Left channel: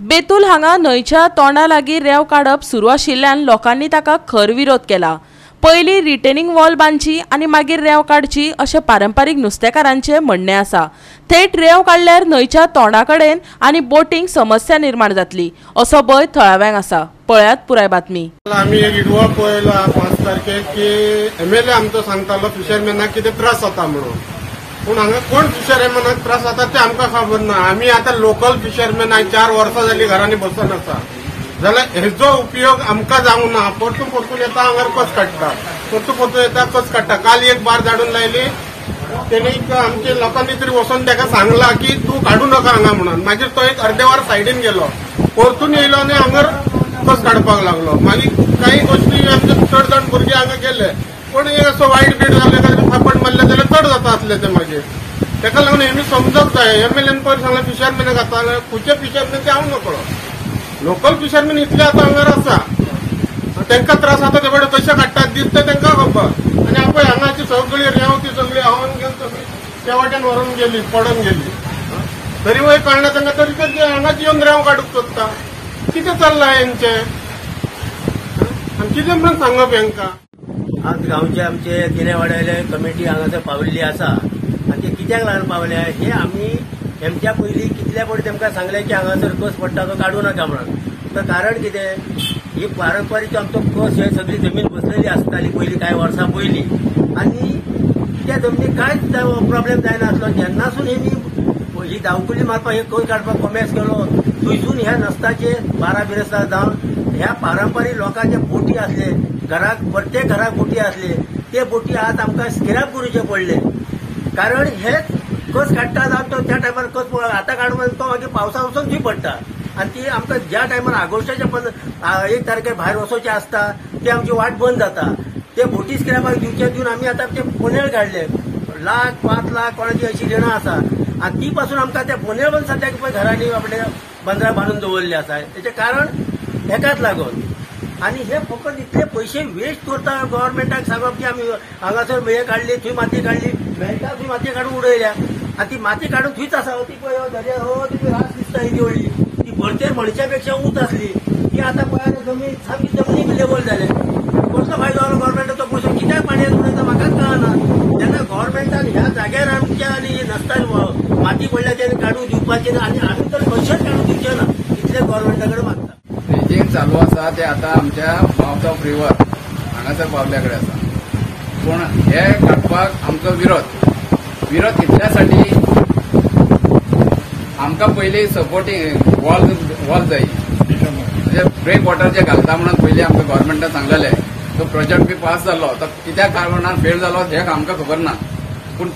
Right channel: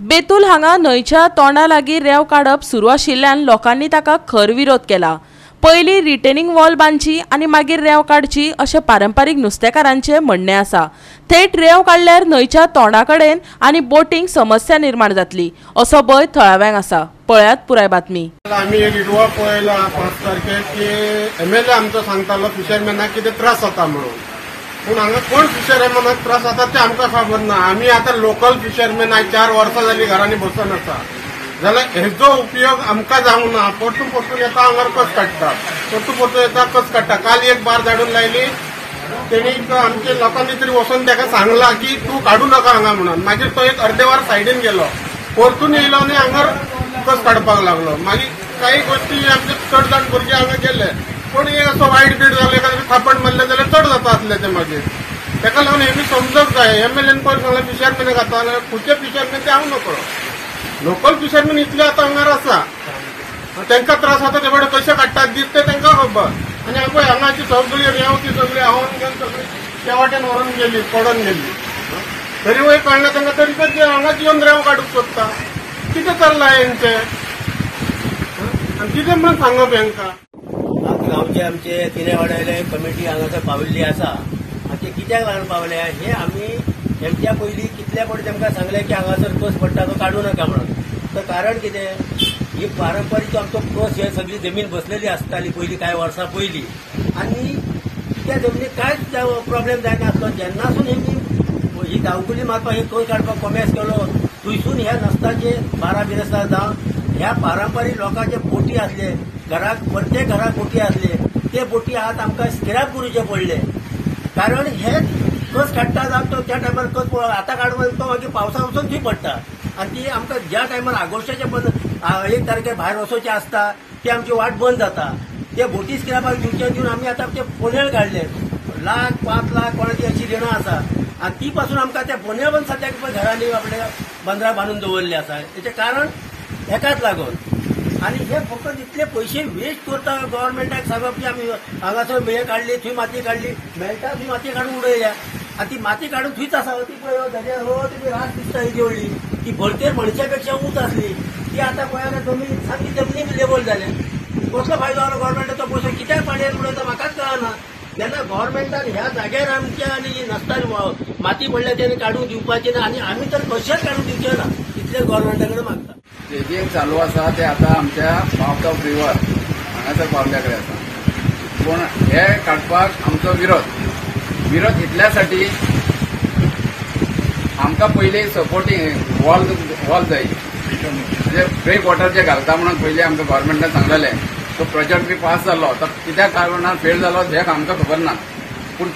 बेतूल हांगा न्हंयच्या तोंडा लागीं रेंव काडप सुरू आशिल्ल्यान लोकांनी ताका खर विरोध केला। पयलीं रिटेनिंग वॉल बांदची आनी मागीर रेंव काडची अशें पारंपारीक नुस्तेकारांचें म्हणणें आसा। थेट रेंव काडल्यार न्हंयच्या तोंडा कडेन आनी बोटींक समस्या निर्माण जातली असो भंय थळाव्यांक आसा। पळयात पुराय बातमी। आम्ही विडवा पळयला 5 तारखेक की MLA आमचो सांगतालो फिशरमॅनाक कितें त्रास जाता म्हणून, पूण हांगा कोण फिशरमॅनाक त्रास जाता ते आमकां खबर ना। आमी आतां लोकल फिशरमॅन 4 वर्सां जालीं घरांनी बसून आसा, जाल्यार हेजो उपयोग आमकां जावंक ना। परतून येता हांगार कस काडटा, परतून येता कस काडटा। काल एक बार धाडून लायली, तेणी आमच्या लोकांनी तरी वचून ताका सांगला की तूं काडू नाका हांगा म्हणून। मागीर तो एक अर्दे वर सायडीन गेलो, परतून येयलो आनी हांगार कस काडपाक लागलो। मागीर काही गोष्टी आमचे चड जाण भुरगे हांगा गेले, पण हे असो वायट बीट जाले काय थापड मारले जाल्यार चड जाता आसले ते। मागीर ताका लागून हेमी समजूंक जाय। MLAन पयर सांगलें फिशरमॅन घातले, खुंयचे फिशरमॅन ते हांव नकळो। लोकल फिशरमॅन इतले आतां हांगार आसा, तांकां त्रास जाता ते बडे कशे काडटात दीस ते तांकां खबर। आनी आपण हांगाची सगळी रेंव ती सगळी हांवन घेवन सगळी त्या वाटेन व्हरून गेली, पडून गेली। तरी वय कळना तांकां, तरी ते हांगाच येवन रेंव काडूंक सोदता। कितें चल्लां हेंचें आनी कितें म्हणून सांगप हेंकां। आज गांवचे आमचे तिनेवाड्याले कमिटी हांगासर पाविल्ली आसा आनी ते कित्याक लागून पावल्या हे आमी हेमच्या पयलीं कितल्या फावटी तेमकां सांगलें की हांगासर कस पडटा तो काडूं नाका म्हणून। तर कारण कितें, ही पारंपारीक आमचो कस हे सगळी जमीन बसलेली आसताली पयलीं कांय वर्सां पयलीं, आनी त्या जमनीक कांयच प्रॉब्लेम जायनासलो। जेन्नासून ही धांवकुली मारपाक हे कस काडपाक कॉमेर्स केलो, थंयसून ह्या नस्ताचे 12 बिरेस्तार जावन ह्या पारंपारीक लोकांचे बोटी आसले, घराक प्रत्येक घराक बोटी आसले, ते बोटी आतां आमकां स्क्रॅप करूचे पडले। कारण हे कस काडटा जावन त्या टायमार कस आतां काडून तो मागीर पावसा वचून थंय पडटा। आनी ती आमकां ज्या टायमार ऑगस्टाच्या 1 तारखेर भायर वचोवचें आसता ते आमची वाट बंद जाता। ते बोटी स्क्रॅपाक दिवन आमी आतां ते फोनेळ काडले, 1 लाख 5 लाख कोणाची अशी देणां आसा। आनी ती पासून आमकां त्या फोनेळ पण सद्याक पळय घरांनी आपल्या बंदरा बांदून दवरले आसा। हेचें कारण हेकाच लागून। आनी हे फकत इतले पयशे वेस्ट करता गव्हर्नमेंटाक सांगप की आमी हांगासर मेळ काडली, थंय माती काडली, मेळटा थंय माती काडून उडयल्या। आनी ती माती काडून थंयच आसा, ती पळय दर्यार तुमी रास दिसता हेजी व्हडली, ती भरतेर मणशापेक्षा उंच आसली, ती आतां पळय जमीन सामकी जमनीक लेवल जाले। कसलो फायदो आलो गव्हर्नमेंटाचो पयसो कित्याक पाणयेर उडयता म्हाकाच कळना। तेन्ना गव्हर्नमेंटान ह्या जाग्यार आमच्या आनी नसता माती पडल्या तेणी काडून दिवपाचें ना, आनी आमी तर कशेंच काडून दिवचे ना, इतले गव्हर्नमेंटा कडेन मागता। जे चालू आसा ते आतां आमच्या माउथ ऑफ रिवर हांगासर पावल्या कडेन आसा, पूण हे काडपाक आमचो विरोध इतल्यासाठी आमकां पयलीं सपोर्टींग वॉल जाय, म्हणजे ब्रेक वॉटर जे घालता म्हणून पयलीं आमकां गव्हर्नमेंटान सांगलेलें। तो प्रोजेक्ट बी पास जालो, तो कित्या कारणान फेल जालो हे आमकां खबर ना, पूण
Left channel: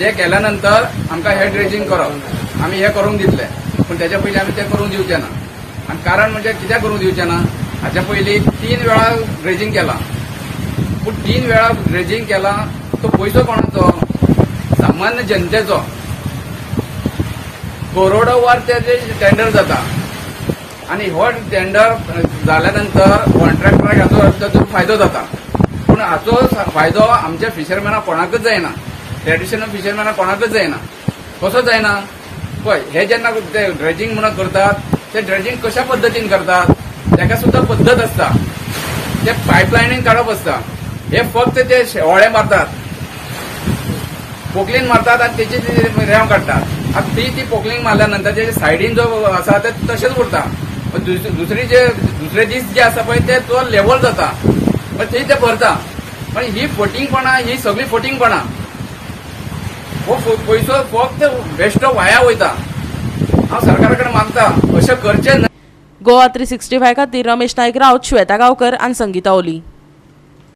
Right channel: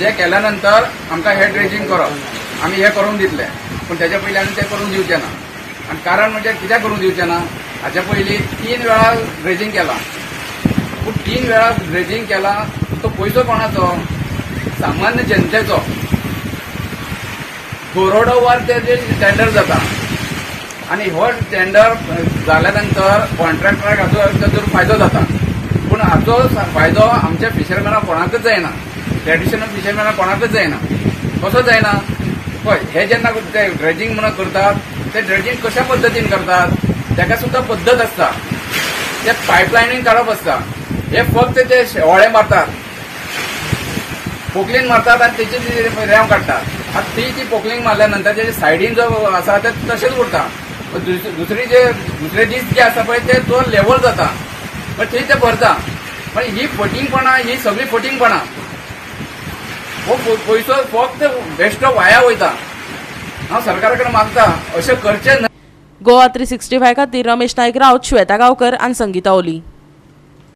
ते केल्या नंतर आमकां हे ड्रेजिंग करप आमी हे करून दितले, पूण तेच्या पयलीं आमी ते करून दिवचे ना। आनी कारण म्हणजे कित्याक करून दिवचे ना, हाच्या पयलीं 3 वेळा ड्रेजिंग केला, पूण 3 वेळा ड्रेजिंग केला तो पयसो कोणाचो, सामान्य जनतेचो। करोडोवार ते टेंडर जाता, आनी हो टेंडर जाल्या नंतर कॉन्ट्रॅक्टराक हाचो तातूंत फायदो जाता, पूण हाचो फायदो आमच्या फिशरमॅनाक कोणाकच जायना, ट्रेडिशनल फिशरमॅनाक कोणाकच जायना। कसो जायना पळय, हे जेन्ना ड्रेजिंग म्हणून करतात ते ड्रेजिंग कशा पद्दतीन करतात, ताका सुद्दां पद्दत आसता। ते पायपलायनीन काडप आसता, हे फक्त ते शेवाळे मारतात, पोकलीन मारतात आनी तेची रेंव काडटात। आतां ती पोकलीन मारल्या नंतर तेजे सायडीन जो आसा ते तशेंच उरता, दुसरे दीस जे आसा पळय ते तो लेवल जाता, थंय ते भरता। पण ही फटिंगपणां, ही सगळी फटिंगपणां, हो पयसो फक्त बेश्टो वाया वयता। हांव सरकारा कडेन मागता अशें करचें न्हय। गोवा 365 खातीर रमेश नायक राउत, श्वेता गांवकर आनी संगीता ओली।